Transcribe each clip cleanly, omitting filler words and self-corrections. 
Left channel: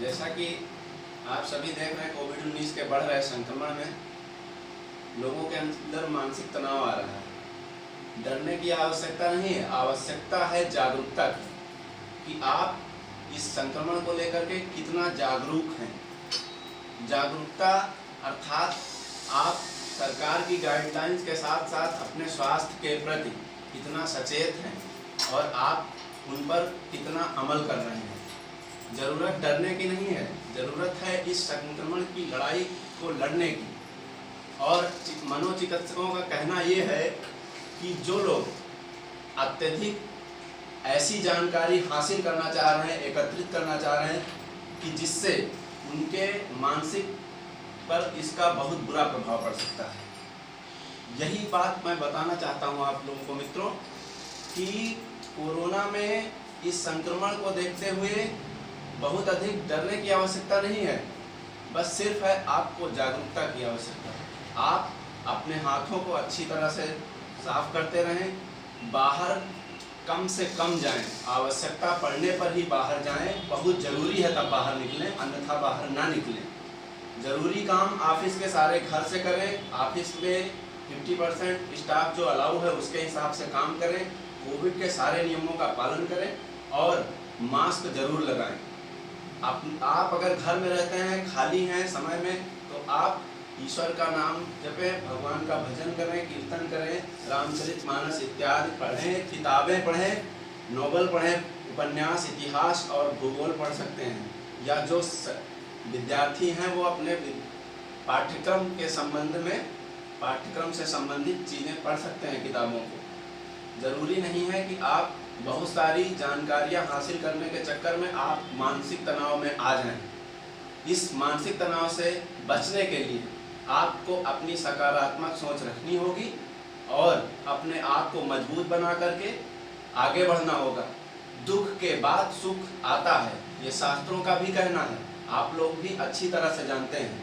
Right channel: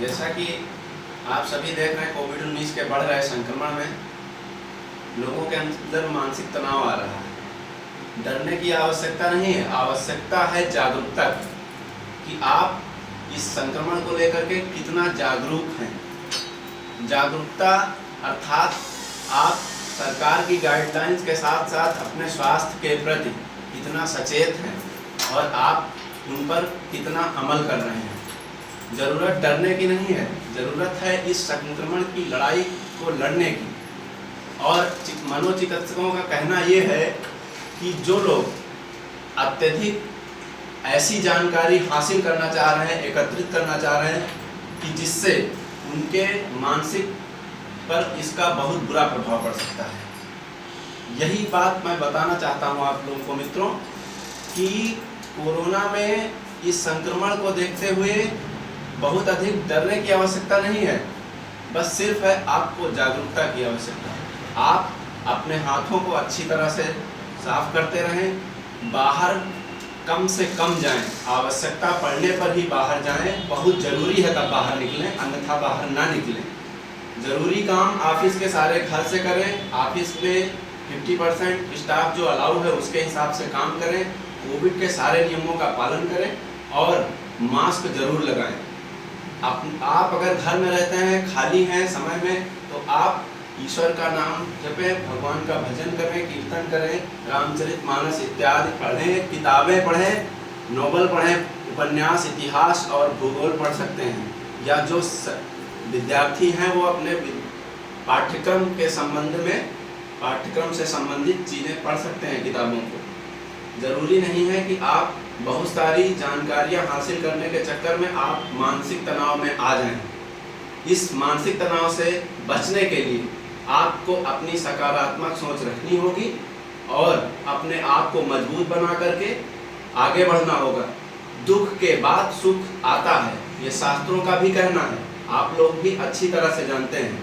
जैसा कि आप सभी देख रहे हैं, कोविड-19 के बढ़ रहे संक्रमण में लोगों के अंदर मानसिक तनाव आ रहा है। डरने की आवश्यकता नहीं है, आवश्यकता है जागरूकता की, कि आप इस संक्रमण को लेकर के कितना जागरूक हैं। जागरूकता अर्थात आप सरकार की गाइडलाइंस के साथ साथ अपने स्वास्थ्य के प्रति कितना सचेत हैं और आप उन पर कितना अमल कर रहे हैं। ज़रूरत डरने की नहीं है, ज़रूरत है इस संक्रमण की लड़ाई को लड़ने की। और मनोचिकित्सकों का कहना ये है कि जो लोग अत्यधिक ऐसी जानकारी हासिल करना चाह रहे हैं, एकत्रित करना चाह रहे हैं कि जिससे उनके मानसिक पर इसका बहुत बुरा प्रभाव पड़ सकता है। यही बात मैं बताना चाहता हूँ आप लोगों को मित्रों, कि कोरोना में इस संक्रमण को देखते हुए बहुत अधिक डरने की आवश्यकता नहीं है, बस सिर्फ है आपको जागरूकता की आवश्यकता है। आप अपने हाथों को अच्छी तरह से साफ करते रहें, बाहर कम से कम जाएं, आवश्यकता पड़ने पर ही बाहर जाएं, बहुत ज़रूरी है तब बाहर निकलें, अन्यथा बाहर ना निकलें। ज़रूरी काम ऑफिस के सारे घर से करें, ऑफिस में 50% स्टाफ जो अलाउ है उसके हिसाब से काम करें, कोविड के सारे नियमों का पालन करें और मास्क जरूर लगाएं। आप अगर घर में रहते हैं, खाली हैं समय में, तो आप ईश्वर का नाम जपें, भगवान का भजन करें, कीर्तन करें, रामचरितमानस इत्यादि पढ़ें, किताबें पढ़ें, नोवेल पढ़ें, उपन्यास, इतिहास और भूगोल पढ़ सकते हैं। या जो विद्यार्थी हैं वो अपने पाठ्यक्रम के संबंध में, पाठ्यक्रम से संबंधित चीज़ें पढ़ सकते हैं किताबों को। ज़रूरी नहीं है कि आप बहुत सारी जानकारियाँ हासिल करने के चक्कर में आप मानसिक तनाव में आ जाएं। इस मानसिक तनाव से बचने के लिए आपको अपनी सकारात्मक सोच रखनी होगी और अपने आप को मजबूत बना करके आगे बढ़ना होगा। दुख के बाद सुख आता है, ये शास्त्रों का भी कहना है, आप लोग भी अच्छी तरह से जानते हैं।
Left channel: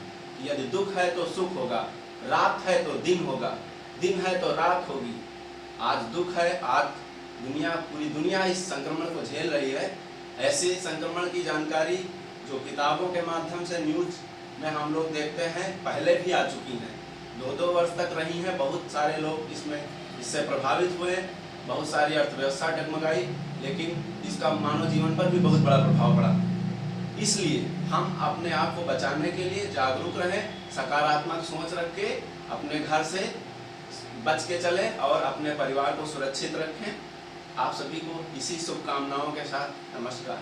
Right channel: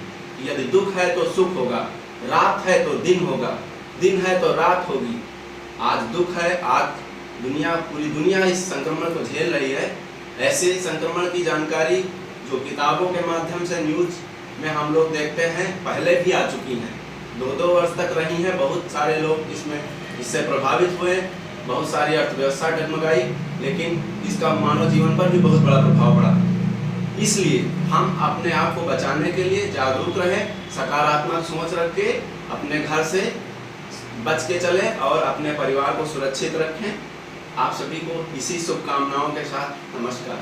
यदि दुख है तो सुख होगा, रात है तो दिन होगा, दिन है तो रात होगी। आज दुख है, आज पूरी दुनिया इस संक्रमण को झेल रही है। ऐसे संक्रमण की जानकारी जो किताबों के माध्यम से न्यूज़ में हम लोग देखते हैं, पहले भी आ चुकी हैं, 2-2 वर्ष तक रही हैं। बहुत सारे लोग इससे प्रभावित हुए, बहुत सारी अर्थव्यवस्था डगमगाई, लेकिन इसका मानव जीवन पर भी बहुत बड़ा प्रभाव पड़ा। इसलिए हम अपने आप को बचाने के लिए जागरूक रहें, सकारात्मक सोच रख के अपने घर से बच के चलें और अपने परिवार को सुरक्षित रखें। आप सभी को इसी शुभकामनाओं के साथ नमस्कार।